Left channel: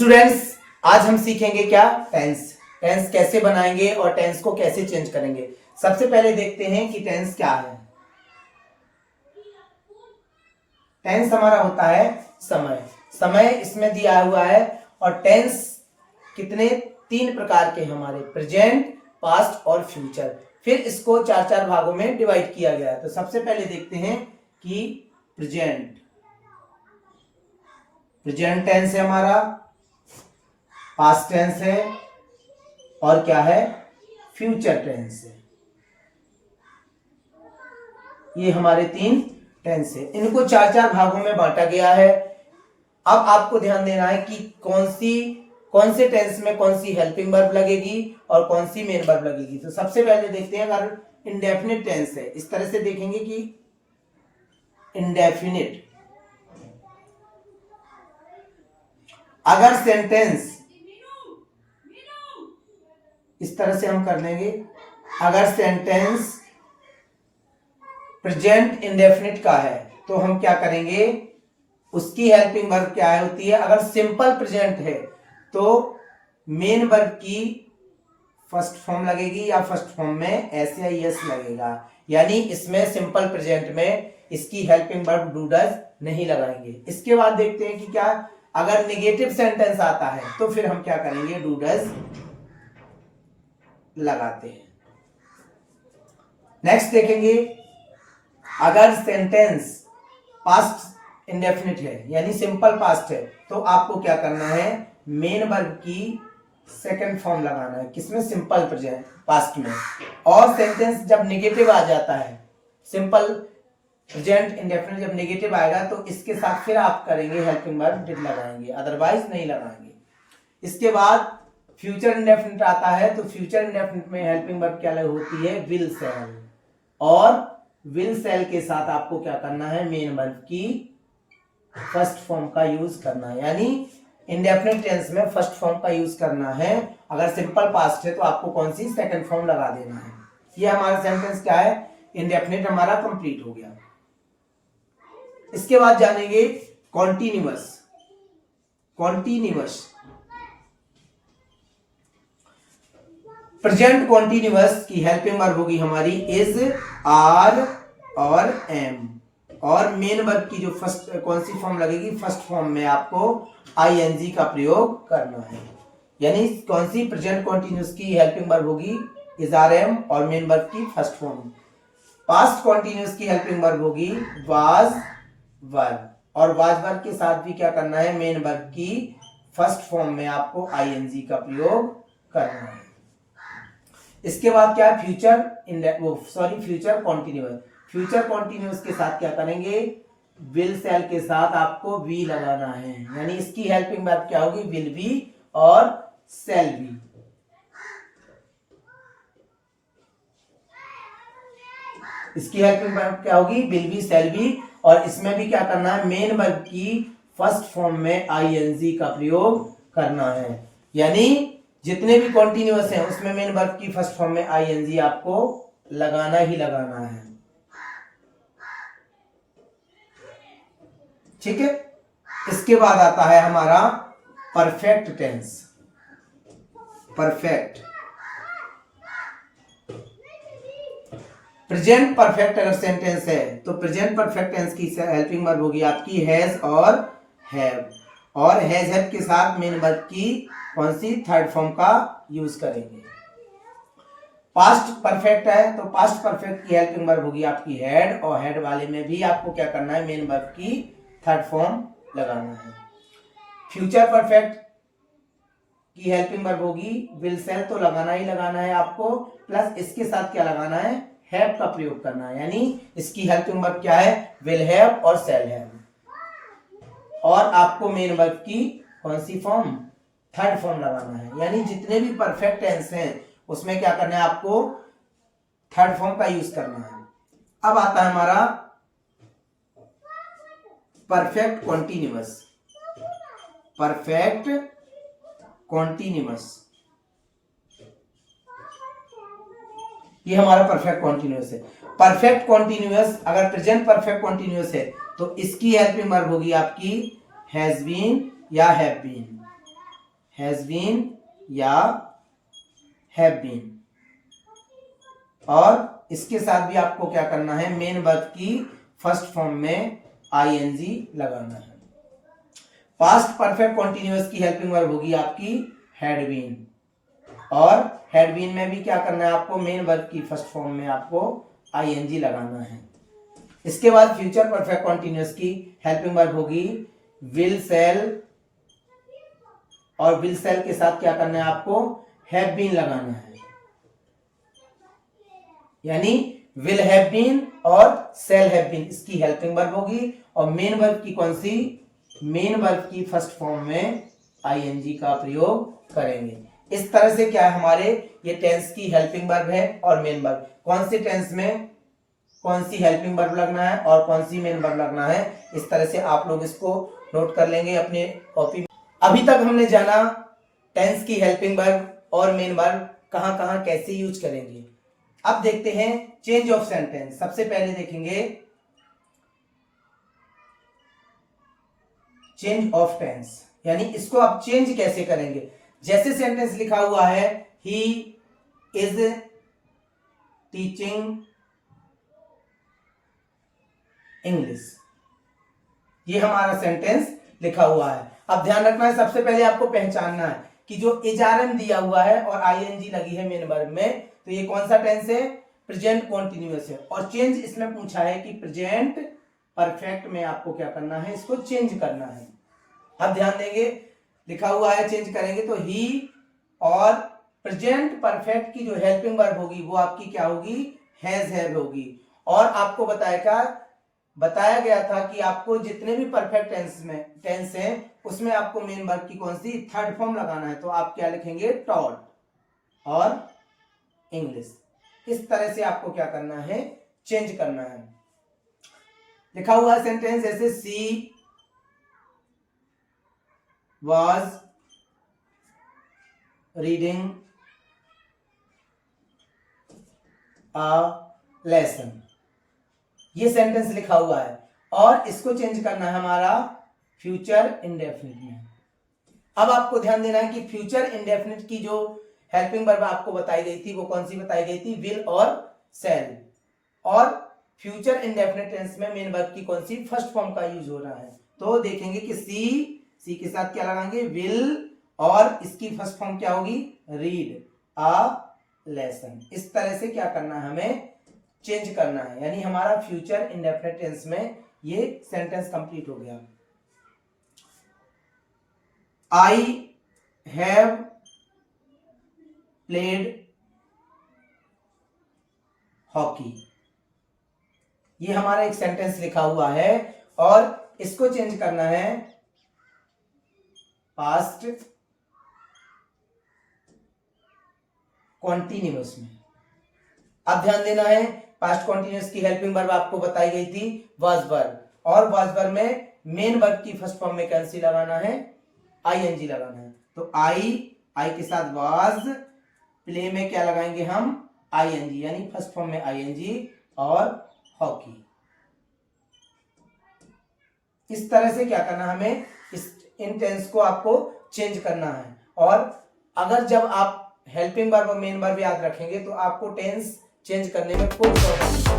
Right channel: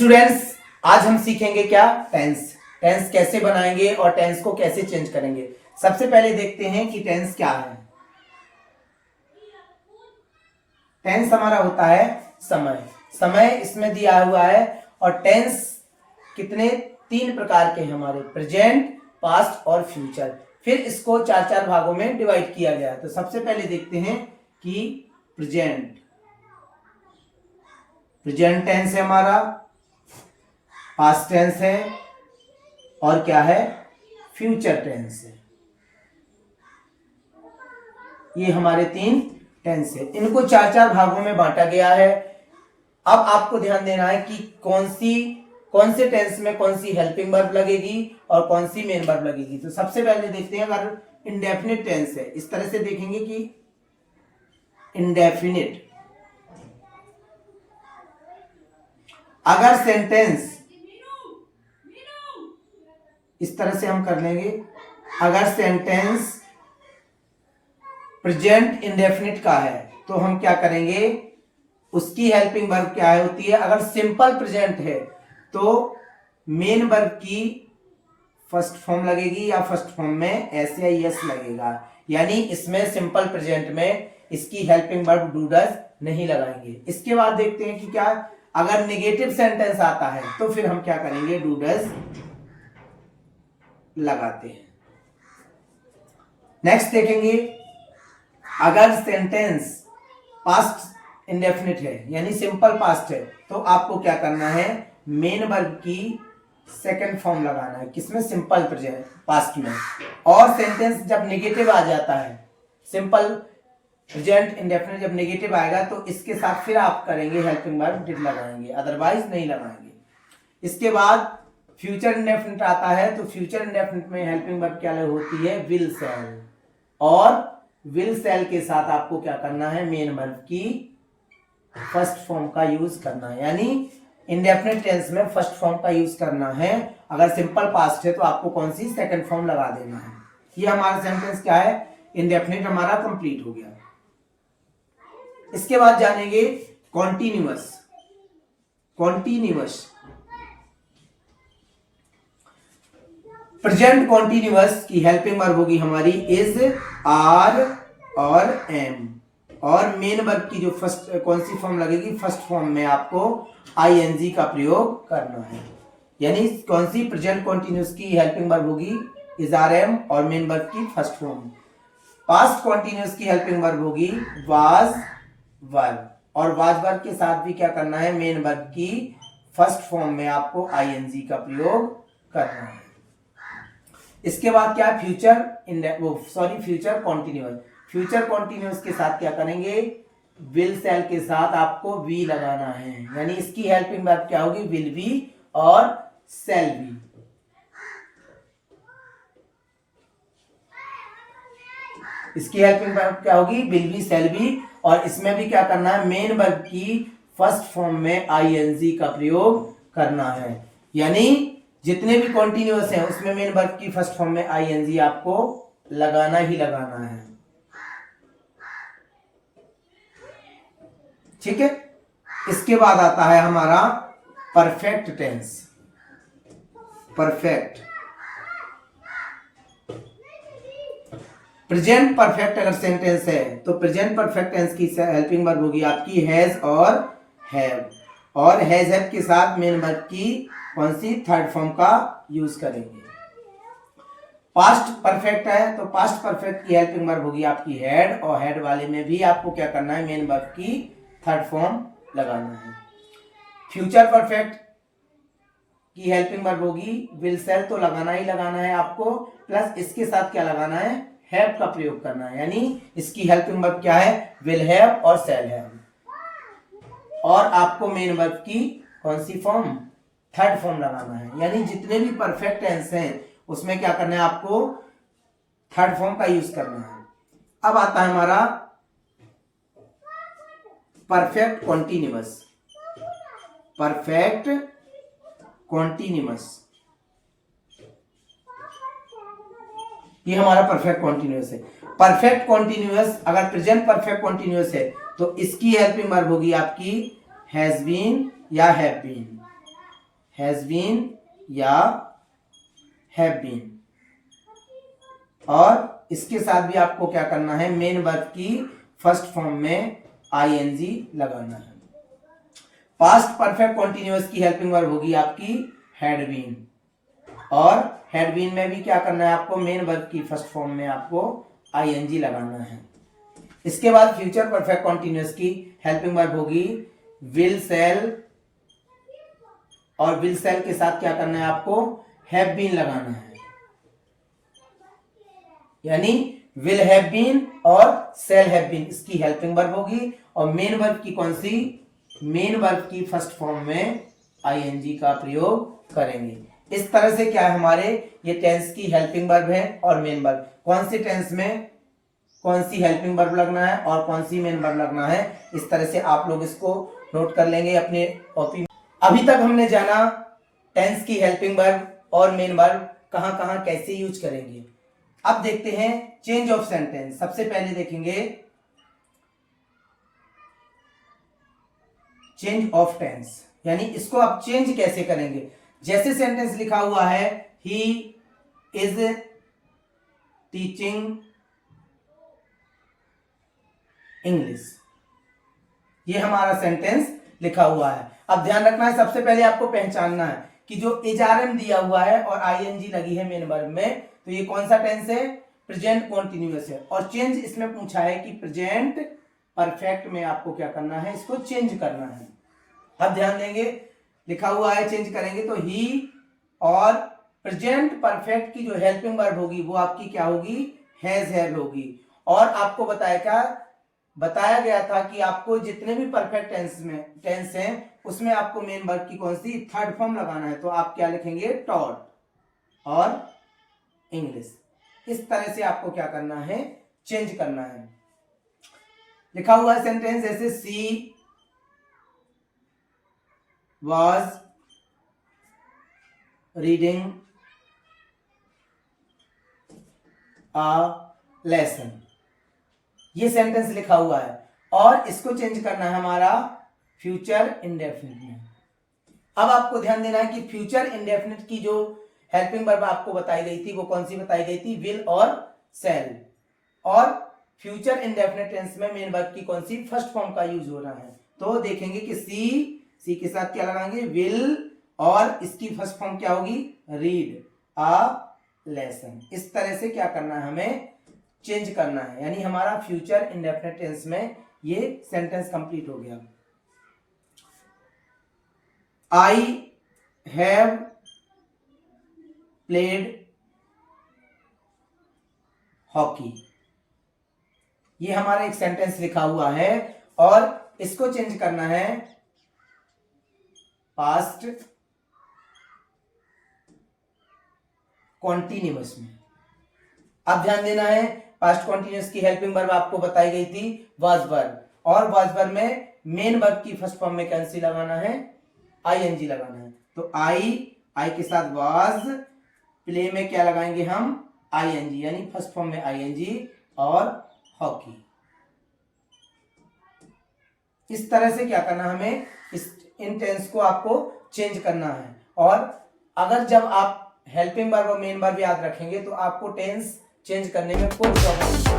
Students, आज हम सीखेंगे क्या? टेंस। टेंस कैसे बनाएंगे और टेंस को कैसे चेंज करेंगे। सबसे पहले देखते हैं कि टेंस क्या है। टेंस हमारा होता है समय। समय इसमें दिया हुआ है और टेंस कितने? 3 प्रकार के हमारे, प्रेजेंट, पास्ट और फ्यूचर। फिर इसको 4 भागों में डिवाइड किया गया। तो सबसे पहले देखते हैं कि प्रेजेंट टेंस है हमारा, पास्ट टेंस है और क्या है? फ्यूचर टेंस है। ये हमारे 3 टेंस है। इनको 4 भागों में बांटा गया है। अब आपको ध्यान देना है कि कौन से टेंस में कौन सी हेल्पिंग वर्ब लगेगी और कौन सी मेन वर्ब लगेगी। तो सबसे पहले देखते हैं, अगर इंडेफिनिट टेंस है, इस तरह से देखेंगे कि इंडेफिनिट, अगर सेंटेंस इस तरह से हम कर लेंगे, अगर सेंटेंस प्रेजेंट इंडेफिनिट का है तो हम क्या करेंगे, उसकी हेल्पिंग वर्ब क्या होती है? अगर सिंपल प्रेजेंट है तो मेन वर्ब की फर्स्ट फॉर्म लगेगी या फर्स्ट फॉर्म में एस या एस लगेगा। यानी इसमें सिंपल प्रेजेंट में इसकी हेल्पिंग वर्ब डू डज नहीं लगाएंगे। इसके बाद देखते हैं कि क्या, अगर नेगेटिव सेंटेंस आता है तो फिर हम क्या करेंगे, डू डज लगाते हैं। नेक्स्ट देखेंगे, अगर सेंटेंस पास्ट इंडेफिनिट है यानी सिंपल पास्ट है तो आपको क्या करना है, मेन वर्ब की सेकंड फॉर्म लगाना है। किसमें? सिंपल प्रेजेंट पास्ट में। और सेंटेंस जब नेगेटिव आ जाता है, सिंपल प्रेजेंट इंडेफिनिट जब नेगेटिव आएगा तो इसके साथ फिर आप करेंगे हेल्पिंग वर्ब डिड लगाएंगे, अदरवाइज नहीं लगाएंगे। इसके बाद फ्यूचर इंडेफिनिट आता है तो फ्यूचर इंडेफिनिट में हेल्पिंग वर्ब क्या होती है, विल सेल। और विल सेल के साथ आपको क्या करना है, मेन वर्ब की फर्स्ट फॉर्म का यूज करना है। यानी इंडेफिनिट टेंस में फर्स्ट फॉर्म का यूज करना है। अगर सिंपल पास्ट है तो आपको कौन सी? सेकंड फॉर्म लगा देना है। ये हमारा सेंटेंस क्या है, इंडेफिनिट हमारा कंप्लीट हो गया। इसके बाद जानेंगे कॉन्टिन्यूअस। प्रेजेंट कॉन्टिन्यूअस की हेल्पिंग वर्ब होगी हमारी इज, आर और एम। और मेन वर्ब की जो फर्स्ट कौन सी फॉर्म लगेगी, फर्स्ट फॉर्म में आपको आईएनजी का प्रयोग करना है। यानी कौन सी? प्रेजेंट कॉन्टिन्यूअस की हेल्पिंग वर्ब होगी इज, आर, एम और मेन वर्ब की फर्स्ट फॉर्म। पास्ट कॉन्टिन्यूअस की हेल्पिंग वर्ब होगी वाज, वर। और वाज वर्ब के साथ भी क्या करना है, मेन वर्ब की फर्स्ट फॉर्म में आपको आईएनजी का प्रयोग करना है। इसके बाद क्या है, फ्यूचर कॉन्टिन्यूअस। फ्यूचर कॉन्टिन्यूअस के साथ क्या करेंगे, विल सेल के साथ आपको वी लगाना है। यानी इसकी हेल्पिंग वर्ब क्या होगी, विल बी और सेल बी। इसकी हेल्पिंग वर्ब क्या होगी, विल बी, सेल बी। और इसमें भी क्या करना है, मेन वर्ब की फर्स्ट फॉर्म में आईएनजी का प्रयोग करना है। यानी जितने भी कॉन्टिन्यूअस हैं उसमें मेन वर्ब की फर्स्ट फॉर्म में आईएनजी आपको लगाना ही लगाना है। ठीक है। इसके बाद आता है हमारा परफेक्ट टेंस। प्रेजेंट परफेक्ट अगर सेंटेंस है तो प्रेजेंट परफेक्ट टेंस की हेल्पिंग वर्ब होगी आपकी हैज और हैव। और हैज हैव के साथ मेन वर्ब की कौन सी? थर्ड फॉर्म का यूज करेंगे। पास्ट परफेक्ट है तो पास्ट परफेक्ट की हेल्पिंग वर्ब होगी आपकी हैड। और हैड वाले में भी आपको क्या करना है, मेन वर्ब की थर्ड फॉर्म लगाना है। फ्यूचर परफेक्ट की हेल्पिंग वर्ब होगी विल सेल, तो लगाना ही लगाना है आपको। प्लस इसके साथ क्या लगाना है, हैव का प्रयोग करना है। यानी इसकी हेल्पिंग वर्ब क्या है, विल हैव और सेल हैव। और आपको मेन वर्ब की कौन सी फॉर्म? थर्ड फॉर्म लगाना है। यानी जितने भी परफेक्ट टेंस हैं उसमें क्या करना है, आपको थर्ड फॉर्म का यूज करना है। अब आता है हमारा परफेक्ट कॉन्टिन्यूअस। ये हमारा परफेक्ट कॉन्टिन्यूअस है। परफेक्ट कॉन्टिन्यूअस अगर प्रेजेंट परफेक्ट कॉन्टिन्यूअस है तो इसकी हेल्पिंग वर्ब होगी आपकी हैज बीन या हैव बीन। हैज बीन या हैव बीन। और इसके साथ भी आपको क्या करना है, मेन वर्ब की फर्स्ट फॉर्म में आईएनजी लगाना है। पास्ट परफेक्ट कॉन्टिन्यूअस की हेल्पिंग वर्ब होगी आपकी हैड बीन, और हैड बीन में भी क्या करना है आपको, मेन वर्ब की फर्स्ट फॉर्म में आपको आईएनजी लगाना है। इसके बाद फ्यूचर परफेक्ट कॉन्टिन्यूअस की हेल्पिंग वर्ब होगी विल सेल, और विल सेल के साथ क्या करना है आपको, हैव बीन लगाना है। यानी विल हैव बीन और सेल हैव बीन इसकी हेल्पिंग वर्ब होगी, और मेन वर्ब की कौन सी, मेन वर्ब की फर्स्ट फॉर्म में आईएनजी का प्रयोग करेंगे। इस तरह से क्या है, हमारे ये टेंस की हेल्पिंग वर्ब है और मेन वर्ब, कौन से टेंस में कौन सी हेल्पिंग वर्ब लगना है और कौन सी मेन वर्ब लगना है, इस तरह से आप लोग इसको नोट कर लेंगे अपने कॉपी। अभी तक हमने जाना टेंस की हेल्पिंग वर्ब और मेन वर्ब कहां कहां कैसे यूज करेंगे। अब देखते हैं चेंज ऑफ सेंटेंस। सबसे पहले देखेंगे चेंज ऑफ टेंस, यानी इसको आप चेंज कैसे करेंगे। जैसे सेंटेंस लिखा हुआ है ही इज टीचिंग इंग्लिश, ये हमारा सेंटेंस लिखा हुआ है। अब ध्यान रखना है, सबसे पहले आपको पहचानना है कि जो एचआरएम दिया हुआ है और आईएनजी लगी है मेन वर्ब में, तो ये कौन सा टेंस है, प्रेजेंट कॉन्टिन्यूअस है। और चेंज इसमें पूछा है कि प्रेजेंट परफेक्ट में आपको क्या करना है, इसको चेंज करना है। अब ध्यान देंगे, लिखा हुआ है चेंज करेंगे तो ही, और प्रेजेंट परफेक्ट की जो हेल्पिंग वर्ब होगी वो आपकी क्या होगी, हैज हैव होगी। और आपको बताया गया था कि आपको जितने भी परफेक्ट टेंस हैं उसमें आपको मेन वर्ब की कौन सी, थर्ड फॉर्म लगाना है। तो आप क्या लिखेंगे, टॉट और इंग्लिश। इस तरह से आपको क्या करना है, चेंज करना है। लिखा हुआ है सेंटेंस जैसे she was reading a lesson, ये सेंटेंस लिखा हुआ है और इसको चेंज करना है हमारा फ्यूचर इंडेफिनिट में। अब आपको ध्यान देना है कि फ्यूचर इंडेफिनिट की जो हेल्पिंग वर्ब आपको बताई गई थी वो कौन सी बताई गई थी, विल और सेल। और फ्यूचर इंडेफिनिट टेंस में मेन वर्ब की कौन सी, फर्स्ट फॉर्म का यूज हो रहा है। तो देखेंगे कि सी के साथ क्या लगाएंगे, विल, और इसकी फर्स्ट फॉर्म क्या होगी, रीड अ लेसन। इस तरह से क्या करना है, हमें चेंज करना है। यानी हमारा फ्यूचर इंडेफिनिट टेंस में ये सेंटेंस कंप्लीट हो गया। आई हैव प्लेड हॉकी, ये हमारा एक सेंटेंस लिखा हुआ है और इसको चेंज करना है पास्ट कॉन्टिन्यूअस में। अब ध्यान देना है, पास्ट कॉन्टिन्यूअस की हेल्पिंग वर्ब आपको बताई गई थी वाज वर्ब, और वाज वर्ब में मेन वर्ब की फर्स्ट फॉर्म में कैंसिल लगाना है, आईएनजी लगाना है। तो आई के साथ वाज, प्ले में क्या लगाएंगे हम, आईएनजी, यानी फर्स्ट फॉर्म में आईएनजी, और हॉकी। इस तरह से क्या करना हमें, इन टेंस को आपको चेंज करना है। और अगर जब आप हेल्पिंग वर्ब और मेन वर्ब याद रखेंगे तो आपको टेंस चेंज करने में कोई प्रॉब्लम नहीं।